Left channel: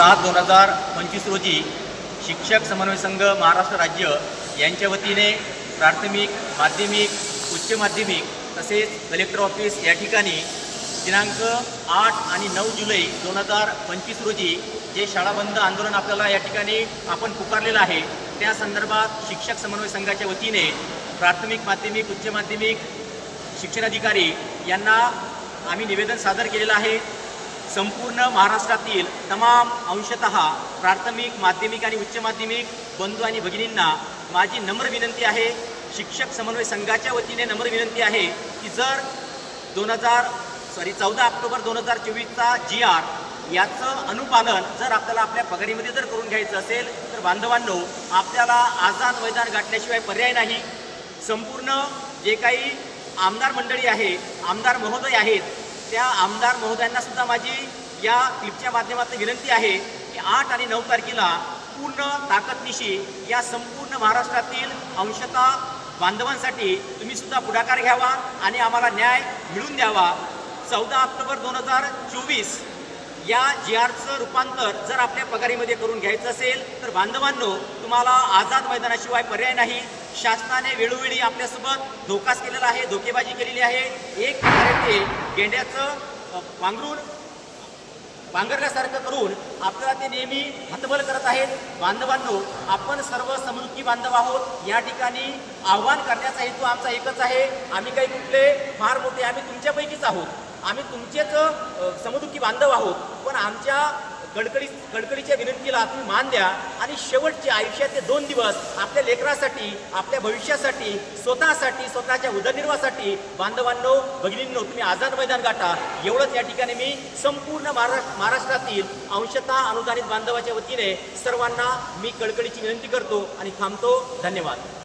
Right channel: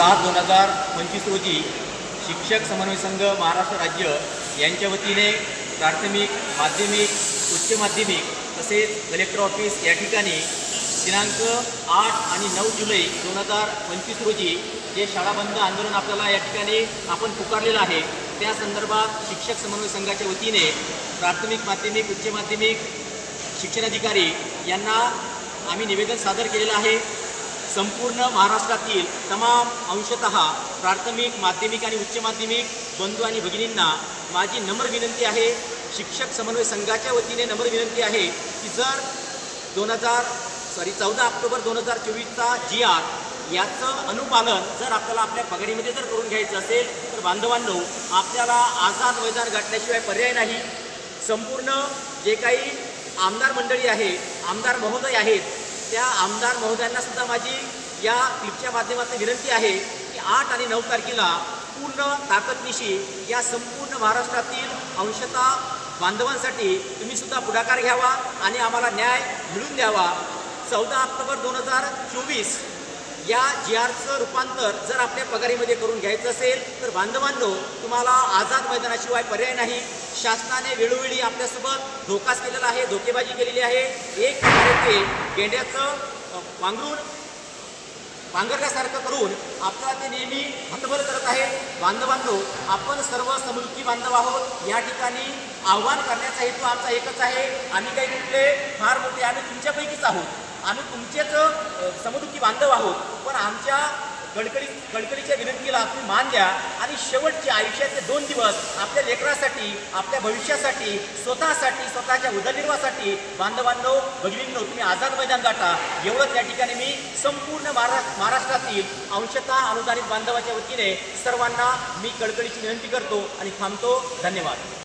7/2025 रोजी शिक्षक समन्वय संघ महाराष्ट्र राज्य यांच्या वतीने प्राथमिक, माध्यमिक, उच्च माध्यमिक तसेच कलेक्टर ऑफिस या ठिकाणी दिनांक 8 आणि 9 जुलै 2025 रोजी जे शाळा बंद आंदोलन आपल्याला या ठिकाणी आपण पुकारलेलं आहे, त्या संदर्भात शिक्षक समन्वय संघाच्या वतीने प्राथमिक, माध्यमिक, उच्च माध्यमिक शिक्षणाधिकारी यांना आम्ही निवेदन सादर केलेलं आहे। संपूर्ण महाराष्ट्रातील तमाम अंशतः प्राथमिक, माध्यमिक आणि उच्च माध्यमिक बंधू आणि भगिनींना माझी नम्र विनंती आहे, शिक्षक समन्वय संघाच्या वतीने नम्र विनंती आहे की जर 14 ऑक्टोबर 2024चा GR याचं अनुपालन जर आपल्याला आपल्या पगारीमध्ये जर करून घ्यायचं असेल तर बांधवांनो, आपल्याला आझाद मैदान गाठल्याशिवाय पर्याय नाही। संपूर्ण जे काही आमदार मंडळी आहे, आमदार महोदय आहेत, त्या आमदार महोदयांना सुद्धा माझी या क्लिपच्या माध्यमातून विनंती आहे की 8 आणि 9 तारखेला पूर्ण ताकदनिशी या संपूर्ण महाराष्ट्रातील अंशतः बांधवांसाठी तुम्ही सुद्धा पुढाकार घ्यावा आणि आम्हाला न्याय मिळवून द्यावा। 14 ऑक्टोबर 2024 या GRचं रूपांतर जर आपल्या पगारीमध्ये करून घ्यायचं असेल तर बांधवांनो, तुम्हाला आझाद मैदानाशिवाय पर्याय नाही। शासनाने वेळोवेळी आपल्यासोबत धोकाच केलेला आहे, धोकेबाजी केलेली आहे। एक प्रकारे ते गेंड्याचं पांघरल्यासारखं करून आपल्याला ते नेहमी हतबल करत आहेत। बांधवांनो, आपण सर्व समृद्धी बांधव आहोत। या ठिकाणी आव्हान करण्याचा हेतू आमचा एकच आहे। आम्ही काही कुठले फार मोठे, आम्ही तुमच्यापैकीच आहोत, आम्ही तुमचेच समदुःखी बांधव आहोत, पण आमच्या कडकडीच्या विनंतीला तुम्ही मान द्या आणि शेवटचे आयुष्याचे 2 दिवस आपल्या लेकरासाठी, आपल्या भविष्यासाठी, स्वतःसाठी, स्वतःच्या उदरनिर्वाहासाठी बांधवांनो, भगिनींनो, तुम्ही आझाद मैदान गाठा, एवढंच या ठिकाणी मी संपूर्ण महाराष्ट्रातील अंशतः अनुदानित बांधवाच्या वतीने सर्वांना मी कडकडीची विनंती करतो आणि थांबतो। धन्यवाद।